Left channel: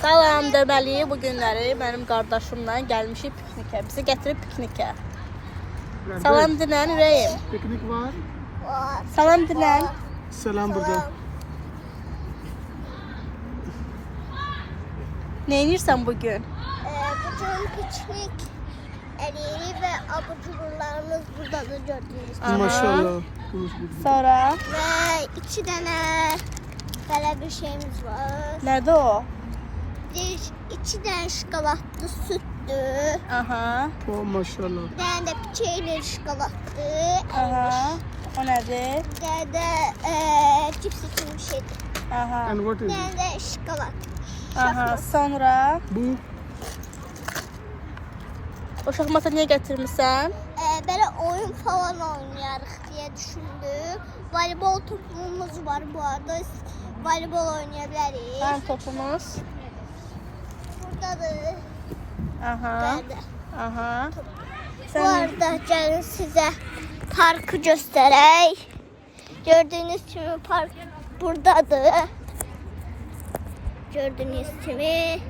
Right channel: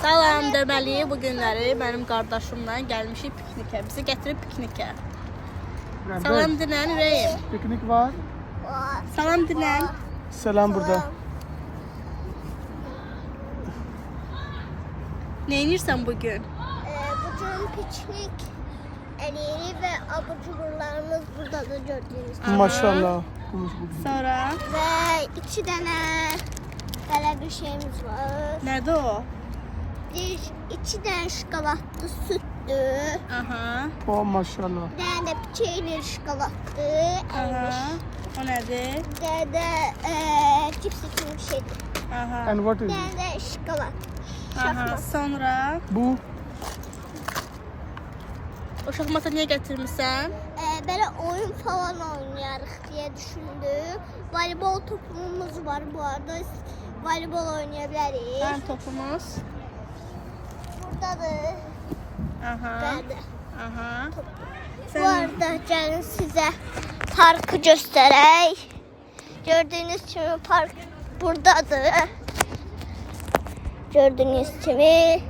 Salam deməli, bu günləri mənim qardaşımla gəlmişik piknikə. Bizi gətirib piknikə. Salam dilən ürəyim. Piknik var. Salam dilən. Selam burada. Ne edirsən bugün? Bugün piknik eləyirik və abur cuburlarımız burada da gördüyünüz kimi. Maşallah. Sonra Və 2 dənə belə bir şeyimiz var. nədə o? 2 dənə şokoladlı sütdür. Aha. Oh maşallah. Bir dənə də peynir şokoladdır. Aha. O nədir? Bir dənə də cips kimi bir şeydir. Aha. And what Bir is dənə it? də şokolad. Aha. Sonra Bu o şahmata niyə gətirmisən? Belə oyun falan oynayarıq deyə düşündüm. Voleybol topumuz var bu arada. Voleybol oynaya bilərik. Mənim topumuz. Buradadır. Aha. Bəli. Aha. Bu arada gəlin sizə parkı göstərək. Gördüyünüz kimi park buradadır. Gördüyünüz kimi.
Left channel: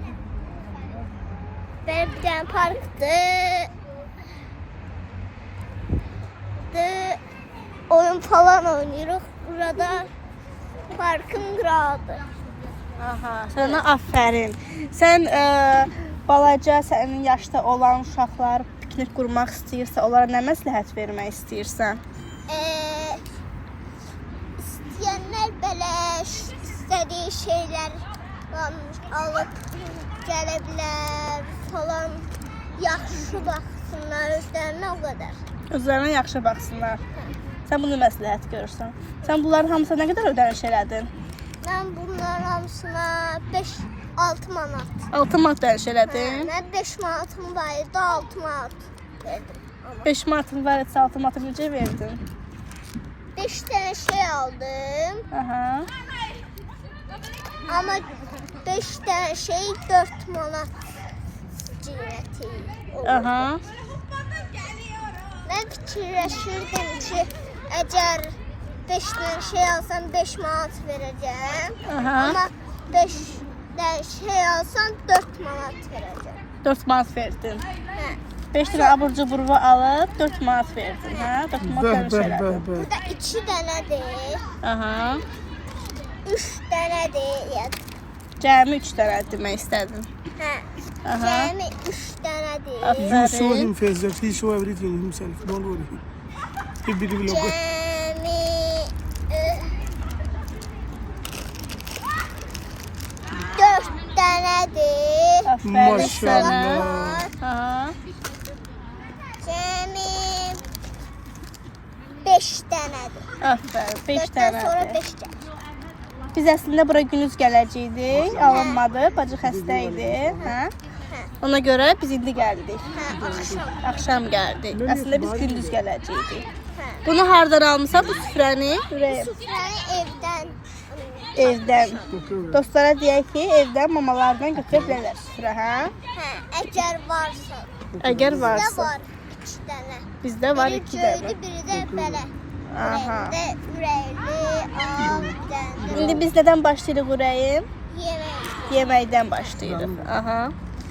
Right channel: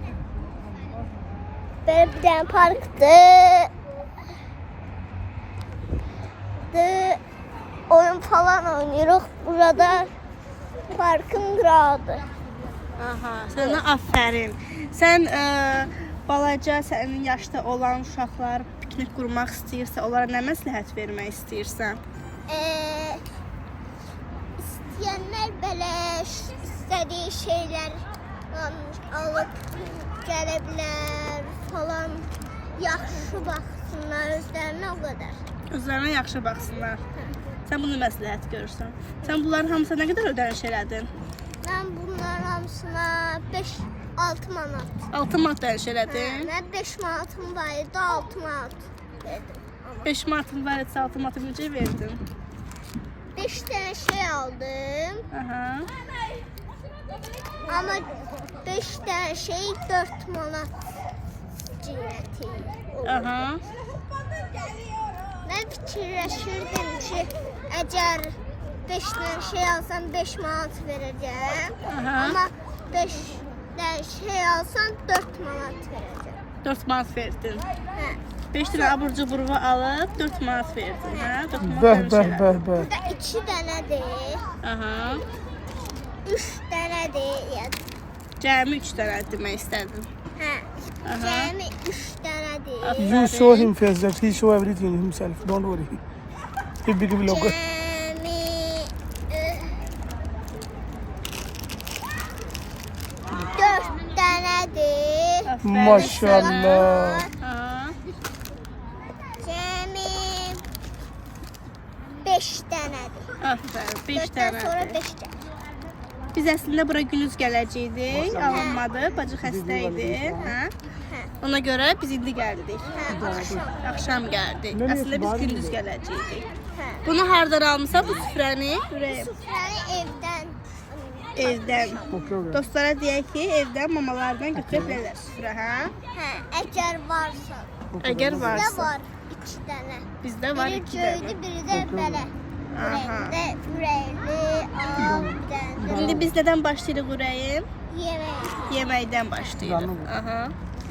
Belə bir dənə parkdır. Oyun falan oynayırıq. Burada parkın qırağıdır. Aha. Sənə afərin. Sən balaca, sənin yaşda olan uşaqlar piknik qurmaq istəyirsə, onlara nə məsləhət vermək istəyirsən? İstəyənlər belə istədiyi şeylər alıb gələ bilər falan. Yaxşı baxsınlar özlərinə o qədər. Özlərinə yaxşı baxsınlar. Sən bunu məsləhət görürsən. Sən bunların hamısına nə qədər ödəniş elədin? Mən bunların hamısına 5-6 manat. 6 manat ödəniş elədin. Mən 5 manatım var idi, 6 manat verdim. 5 manatın var etsə 6 manatı necə verdin? 5 dənə şey aldım. Aha. Amma 5 dənə şey 4 manat qiyməti oldu. Aha. Mən fikirləşirdim ki, əgər 5 dənə şey alsam 5 manat verəcəm. Aha. Amma 5 dənə şey alsam 4 manat verəcəm. 4 manat verdin. Hə. 5 lira abur cuburu alıb 4 manat verdin. Hə? 4 manat beh ödəniş beh elədin. beh beh. Burada 2 dənədir, Aha. 3 dənədir. Yəni, Cəmi 3 dənə demək istədin. hə. Aha. Cəmi 3 dənədir. You show him first that he show everything himself. Don't worry. He big vlogger. Cəmi 4 dənədir. Maşallah. Aha. Cəmi 5 dənədir. Aferin. 5 4-dən sonra dənə. 5 gəlir. Biz əslində bura gündüz gələcəkdik. Alınmadı. Bacı xəstə idi. Hə? Hə. Ona görə biz indi gəldik. Hə, axşam. Axşam gəldik. Əslində biz gündüz gələcəkdik. Hə. Bunu hardan almısan bu süfrəni? Sufrəni evdən Evdən. Dostlara deyək ki, evdən mamalardan götürə bilərlər süfrə, hə? Hə, əgər varsa. Əgər Bizdə varsa. var 2 dənə. Bizdə var Biri 2 dənə. göydü, biri də belə. Aha. Ürəkli, ağ, bir dənə də İndi biz nədən başlayırıq ürəyim? yemək. Yeməkdən başlayırıq. Aha.